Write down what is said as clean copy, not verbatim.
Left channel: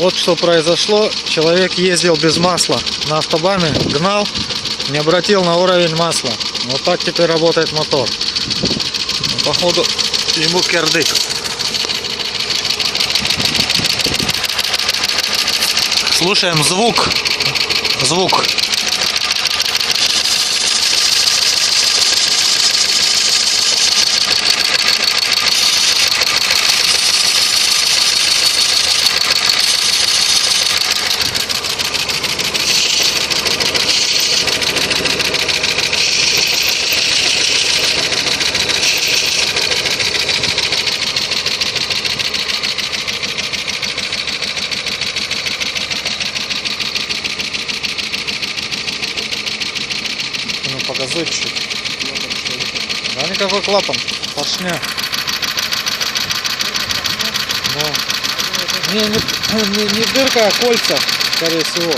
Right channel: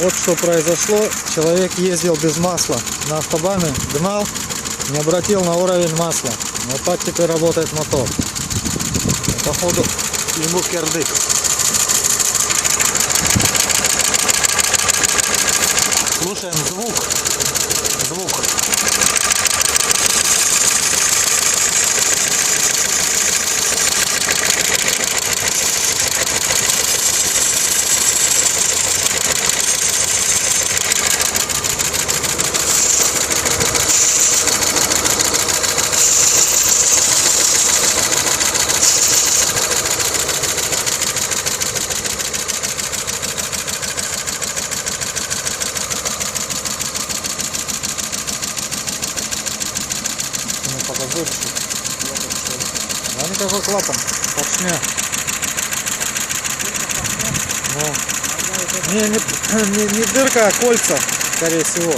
Вот что произошло. Человек ездил без масла на автобане, гнал, не обратил на уровень масла. Вот так теперь работает мотор. Походу ему кирдык. Слушаем звук. Звук. Показывщик. Да никакой клапан, поршня. Ну, не дырка, а кольца, скорее всего.